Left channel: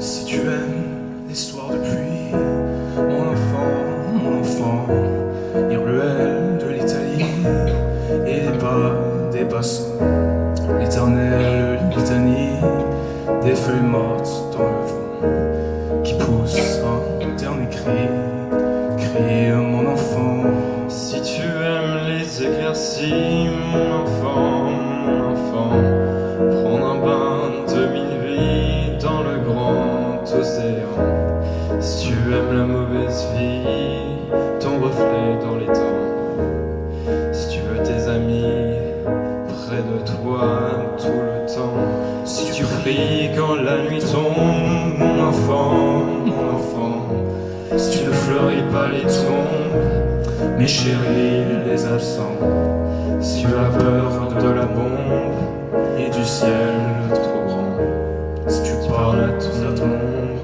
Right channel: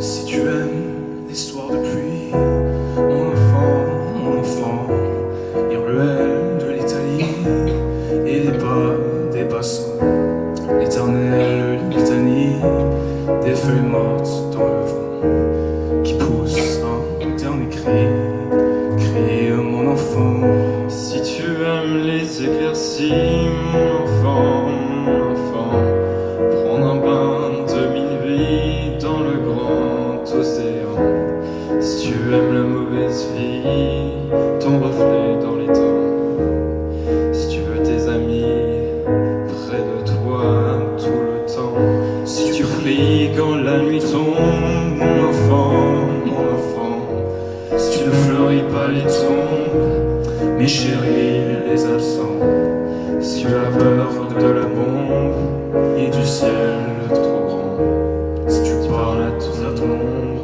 Si tu aimes les soirs de pluie, mon enfant, les ruelles de l'Italie et les bas des bassins, l'éternelle litanie des feuilles mortes dans le vent qui pousse un dernier cri, crie mon enfant. Si tu aimes les éclaircies, mon enfant, prendre un bain de minuit dans le grand océan. Si tu aimes la mauvaise vie, ton reflet dans les temps. Si tu veux tes amis près de toi tout le temps. Si tu pries quand la nuit tombe, mon enfant. Si tu ne fleuris pas les tombes, Mes chéris, les absents, si tu as peur de la bombe et du ciel trop grand, si tu parles à ton monde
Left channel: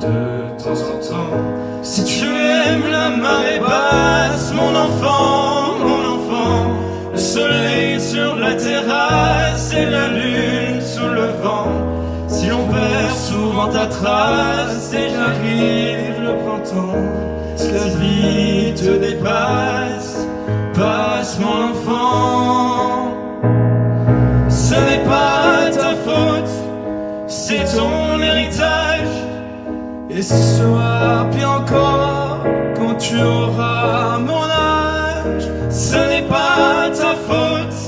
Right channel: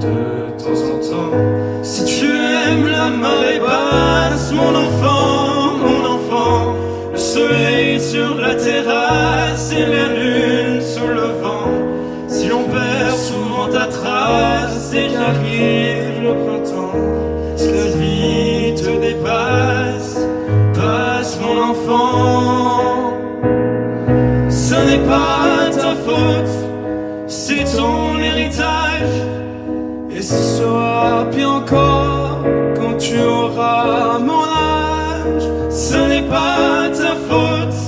de temps en temps. Si tu aimes la marée basse, mon enfant, le soleil sur la terrasse et la lune sous le vent. Si l'on perd souvent ta trace et qu'arrive le printemps, si la vie te dépasse, passe mon enfant. Ce n'est pas ta faute, c'est ton héritage. Et ce sera bien encore quand tu auras mon âge. Ce n'est pas ta faute,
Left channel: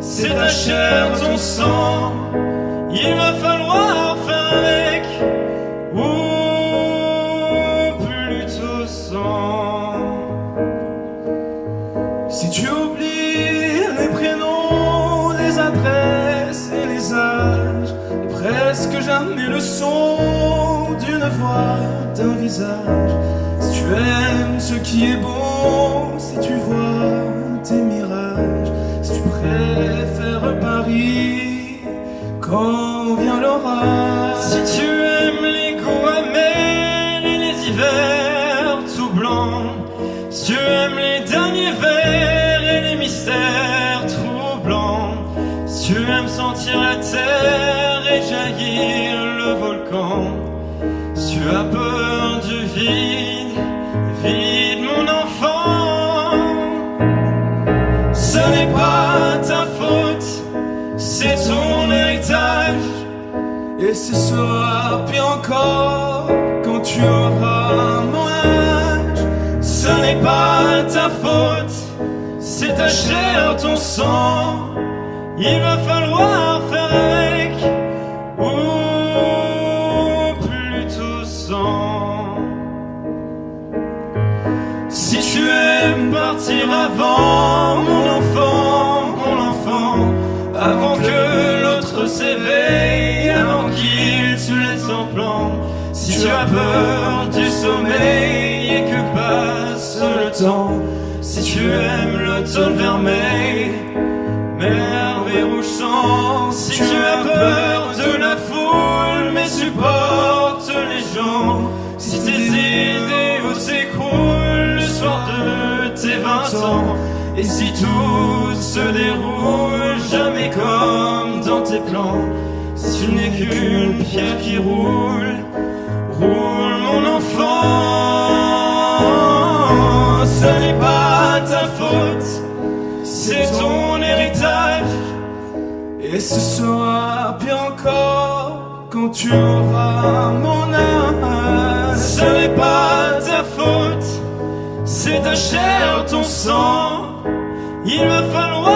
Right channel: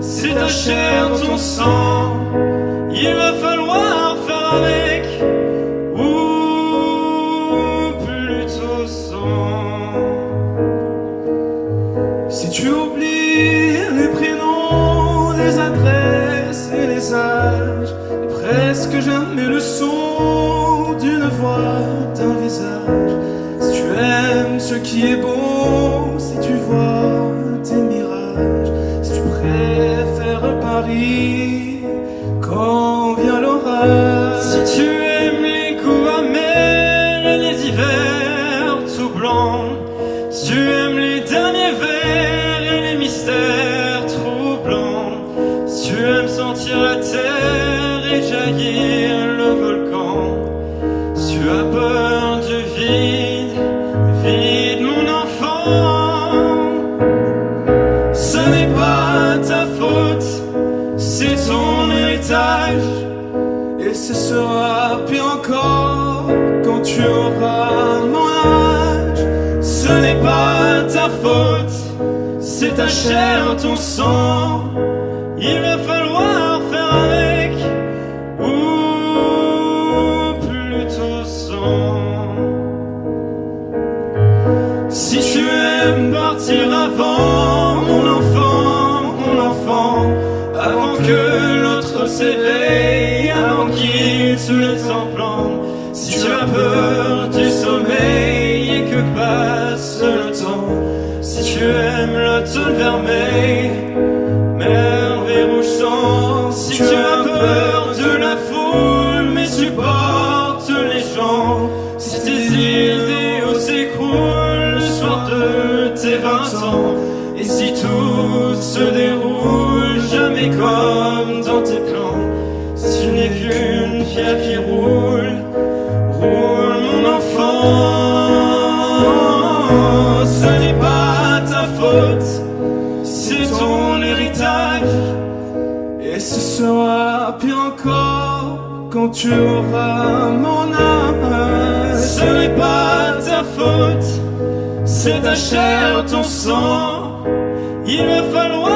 c'est ta chair, ton sang. Il va falloir faire avec, ou plutôt sans. Si tu oublies les prénoms, les adresses et les âges, et presque jamais le son d'une voix, d'un visage. Si tu aimes ce qui est beau, si tu vois tes mirages, si tu préfères Paris quand vient l'orage. Si tu aimes les goûts amers et les hivers tout blancs, si tu aimes les derniers vers et les mystères troublants, si tu aimes sentir la terre et jaillir le volcan, si tu as peur du vide, mon enfant, ce n'est pas ta faute, c'est ton héritage. Et ce sera pire encore quand tu auras mon âge. Ce n'est pas ta faute, c'est ta chair, ton sang. Il va falloir faire avec, ou plutôt sans. Si tu aimes partir avant, mon enfant, avant que l'autre s'éveille, avant qu'il te laisse en plan. Si tu as peur du sommeil et que passe le temps, si tu aimes l'automne vermeil, merveille rougeant, si tu as peur de la foule mais supporte les gens, si tes idéaux s'écroulent le soir de tes 20 ans, et si tout se déroule jamais comme dans tes plans, si tu n'es qu'une pierre qui roule, roule mon enfant. Ce n'est pas ta faute, c'est ton héritage. Et ce sera bien encore quand tu auras mon âge. Ce n'est pas ta faute, c'est ta chair, ton sang. Il va falloir